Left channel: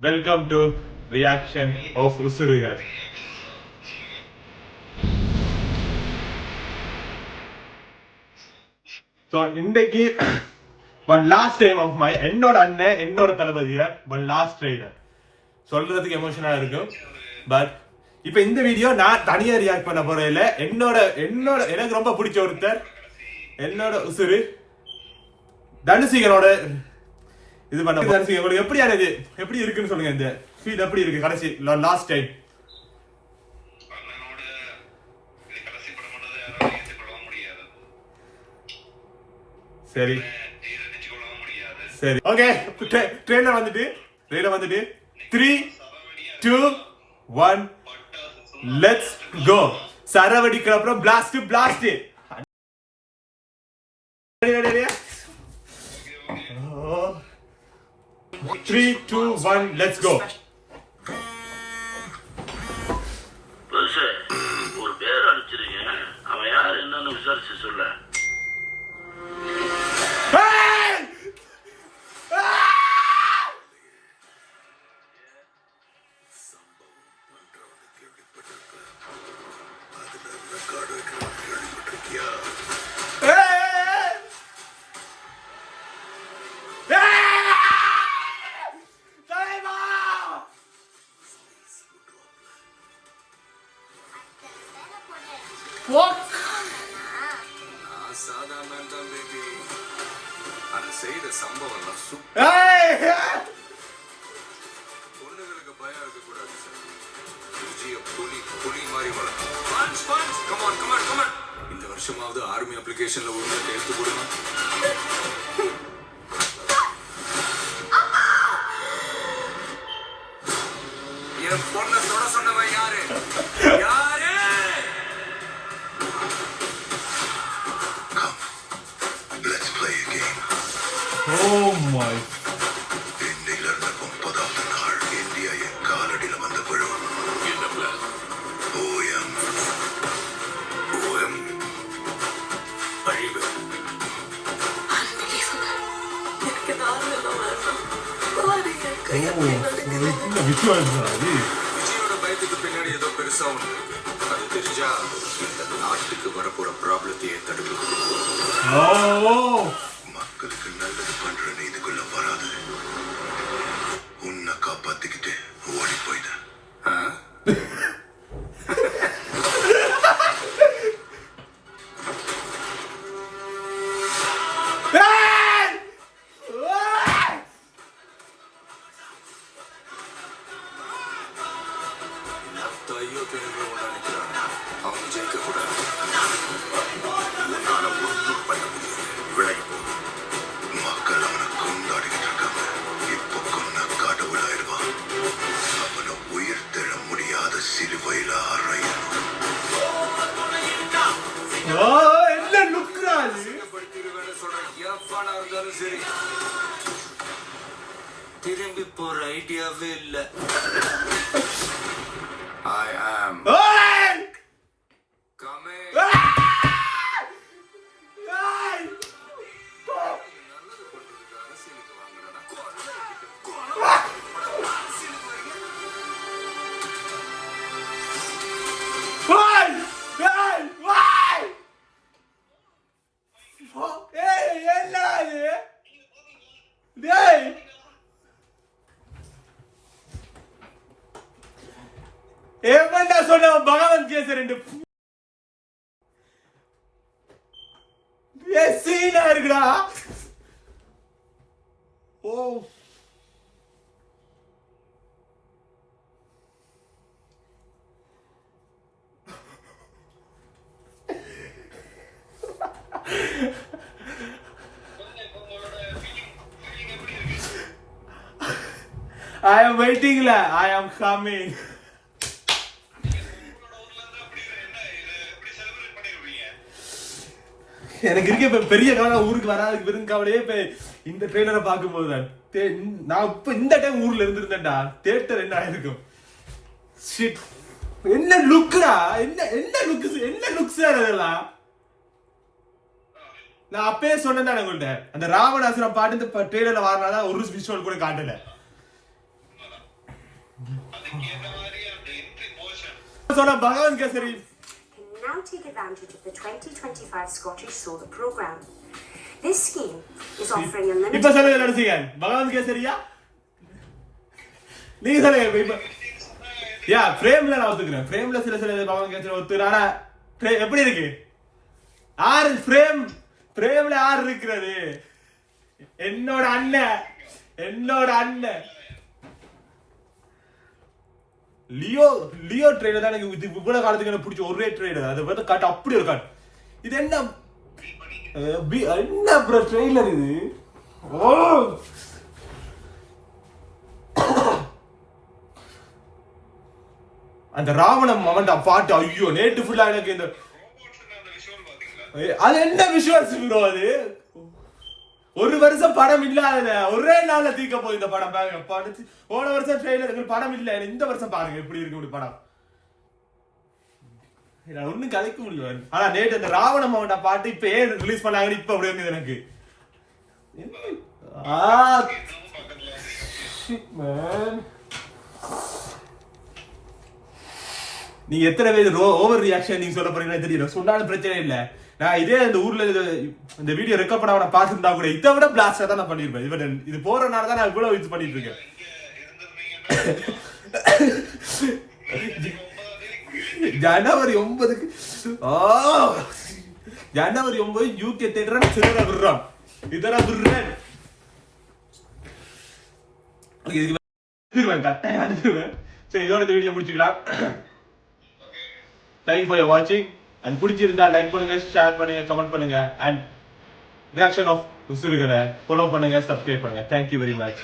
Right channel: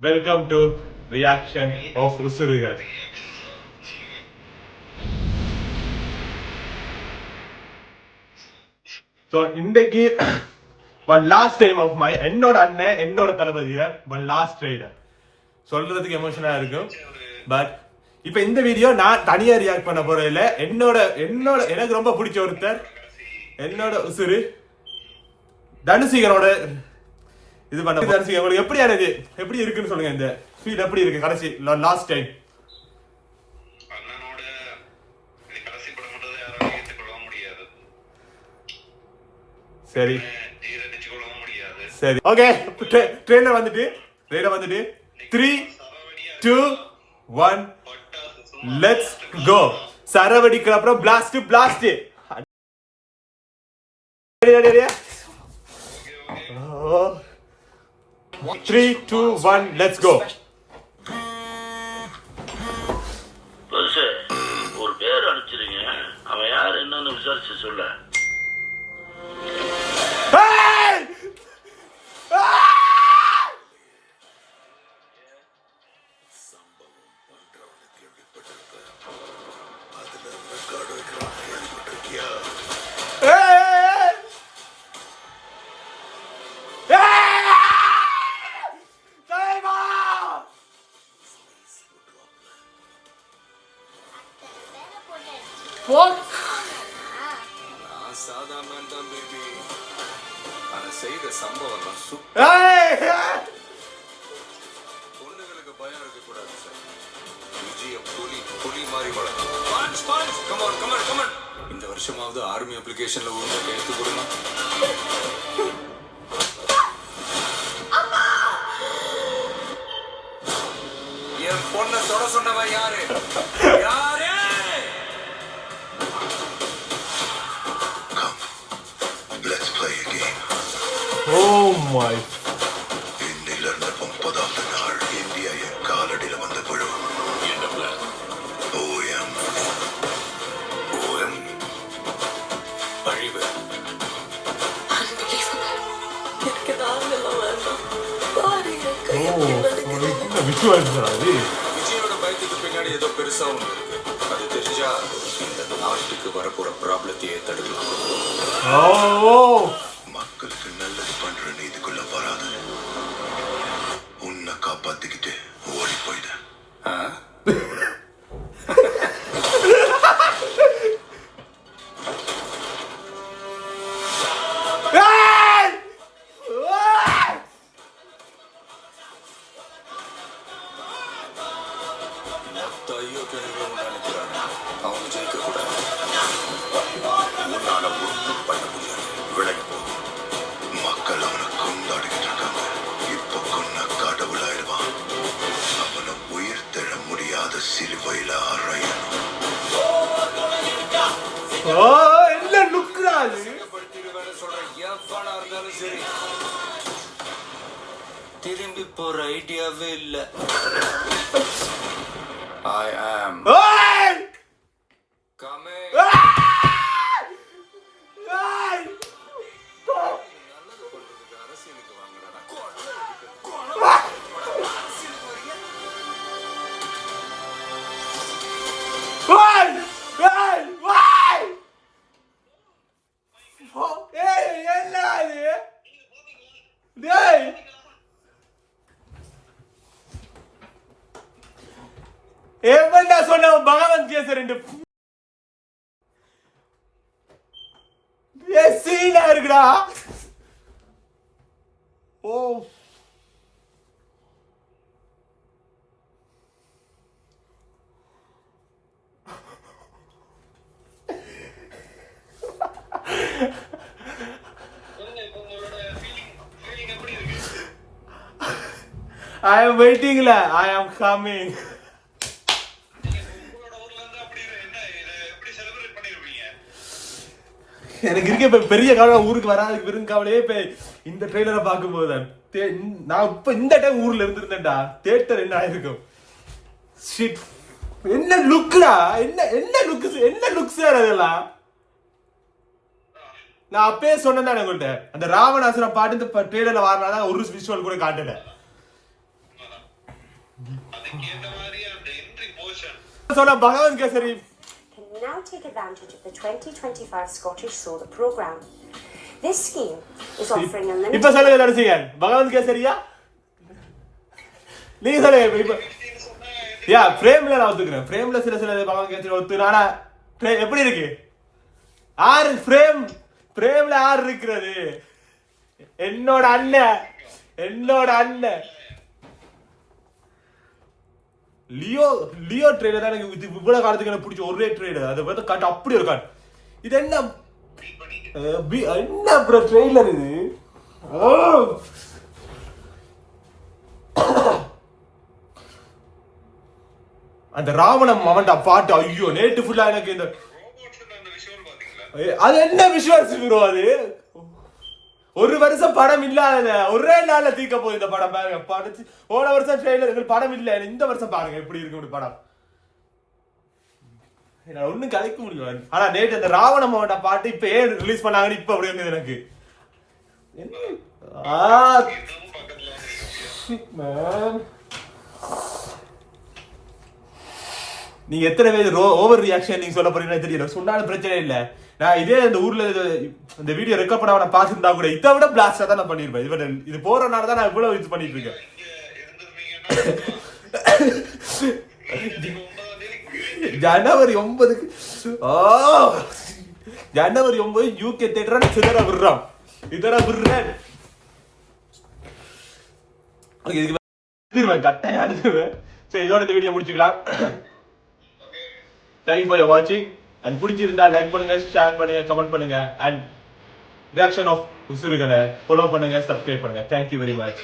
Welcome to reaction of Usurigal. So இன்றைக்கு one last time of my என்னோட அண்ணன் என்னோட தளபதிய one last trailer சொல்றதுக்கு எமோஷனா இருக்கும். பட் இப்போ இந்த வீடியோ நான் தனியா ரியாக்ட் பண்ண போறேன் இல்ல. என்னோட எனக்கு ரொம்ப பிடிச்ச ஒருத்தர் என்னோட உசுரு தனுசிகரோட இது பண்ண தனுசிகர் உங்களுக்கு எப்படி இருக்குன்னு சொல்லுங்க. இந்த ஃபீல் எப்படி இருக்கு கடைசி லாஸ்ட் டைம்? சரி சரி ஓகே. ட்ரெயின்ல வந்துட்டு 3 2 1 லெட்ஸ் கோ. சரவடிக்கு அப்புறம் பிளாஸ்ட் 3 2 1 லெட்ஸ் கோ. ஒரு பேர் அனுப்பிச்சிருங்க, அவன் யார் என்னன்னு விசாரிச்சு சொல்ல. செய்த சம்பவம் பொண்ணுங்களுக்கு பயம் இருக்கக்கூடாது சார். விஜயம் புலி மாதிரி வளரும். இந்த வருஷமாவது ஆர்மி அப்ளிகேஷன்ல ஒழுங்கா கையெழுத்து கொடுங்க. என் பொண்ணை தொட சொன்னவன் யாரு? Oh my. இந்தியில இருந்த 30வது நாள் இந்தியா என் காலடியில வந்த குழு. என்ன பிளான்? ஓஎம் அழிவு. விஜயோட பயத்துக்கு பின்னாடி ஏதோ பெருசா உண்டு. அது தெரிஞ்சா இந்த நாட்டுக்கு வரப்போற ப்ராப்ளத்தையே தடுக்கலாம். மக்களுக்கு நல்லது பண்ற இதுக்குள்ள வராது. உன்னை காப்பாத்திக்கிட்டு ஓடி போயிட்ட. ஐயோ கிழமை நினைக்கிறாங்க அவங்க ஜெயிக்க கூடாது. உன்னால ஒன்றும் பண்ண முடியாது. விலகி மக்கள் அவனை கொண்டாடிக்கிட்டு இருக்காங்க. இப்ப கொன்ன கடவுளாயிடுவான். அவனை உயிர் தெழ முடியாத சிலுவையில அறையணும். சரி திரும்பி போற ஐடியாவே இல்ல. I am coming. ఏమైనా சொன்ன பகவான் చేశారండి. சீனா இருக்குடா. ஓ I am waiting la. I am coming. எனக்கு இருக்க இப்ப பெரிய கவலை ஊருக்கு வராதுக்கு பெரும் கவலையே இப்ப இந்த ட்ரெய்லரை பார்க்கும்போது தான். நான் இப்ப இந்த டைம் ஊர்ல இருந்திருந்தேன்டா தியேட்டர் என்ன ஆயிருக்கும். என்ன லுக்டா, என்ன லுக்ஸ் அதெல்லாம். நான் அப்பயே சொன்னேன் உங்கள்கிட்ட, அந்த ராவணாசுரம் பாட்டு இந்த ட்ரெய்லர்ல வரனால ஒரு விஷுவல் கூட காட்டல. சொன்ன பகவான் kesari Can now take advantage of the 2025 Scottish Solar Programme. This scheme is offering unlimited. இப்ப சொல்லுங்க தரிசிகன் பகவான் கேசரியா நீங்க சொல்லுங்க இப்ப யா ஃப்ரேம்ல நான் ஒத்துக்கிறேன் ஃப்ரேம்ல சில பகவான் கேசரி ஒத்துறானா எப்படி இருக்கு ஆறு ஃப்ரேம்ல ஆறு இருக்கிறது என்னோட அண்ணன் லியோ ட்ரெய்லர் தான் எனக்கு இது இவ்வளவு காலத்துக்கு எனக்கு பிடிச்ச ஒரே ட்ரெய்லர் அதை பார்த்து காட்டு அப்படி ஒரு காட்டு இது என்ன ப்ரோ ட்ரெய்லர் இது அந்த ராவணம் அவன்டா பாட்டு ஐயோ நேட்டு ஃபுல்லா எனக்கு இந்த அது என்ன விஷுவல்ஸ் ப்ரோ அது ஒரு வருஷம் படம் இல்லாத ஒரே நாள்ல தீக்க போகுது இந்த படம் பாருங்க படச்சு போன வருஷம் ட்ரெய்லர் படம் இல்ல இந்த வருஷம் பாருங்க எப்படி இருக்கு படம் ஒன்னும் கதைக்க முடியும் ஆனா நேற்று அந்த ராவணம் அவன்டா பாட்டு இப்ப ஏன் ரிலீஸ் பண்ணாங்கன்னு இப்ப அப்படி இருந்தது எனக்கு நீ எத்தனை பேர் ஓவர் ரியாக்ஷன் நீங்க சொல்ல போறீங்கன்னு தெரியல சொன்னாலும் பிரச்சனை இல்ல நான் இதே இந்த ஊர்ல இந்த வீடியோ ரெக்கார்ட் பண்ண நான் பாத்துருந்தா கூட இதை விட பிளாஸ்டா தான் நான் பண்ணிருப்பேன் இது போறனால தான் நான் இவ்வளவு இது பண்ணிட்டு இருக்கேன் ஜனவரி 9க்கு ஜனவரி 9 யூகே தேட்டர் சிதற விடுறான் கட்டாயம் அனுப்பிடுவேன். சரி இதோட இந்த வீடியோ முடிச்சுக்கலாம். தேங்க்யூ ஃபார் வாட்சிங் அண்ட் பிடிச்சிருந்தா லைக் பண்ணுங்க, ஷேர் பண்ணுங்க, கமெண்ட் பண்ணுங்க அண்ட் ரியாக்ஷன் ஆஃப் உசுருகளை ஃபாலோ பண்ணுங்க, சப்ஸ்கிரைப் பண்ணுங்க. Thank you very much.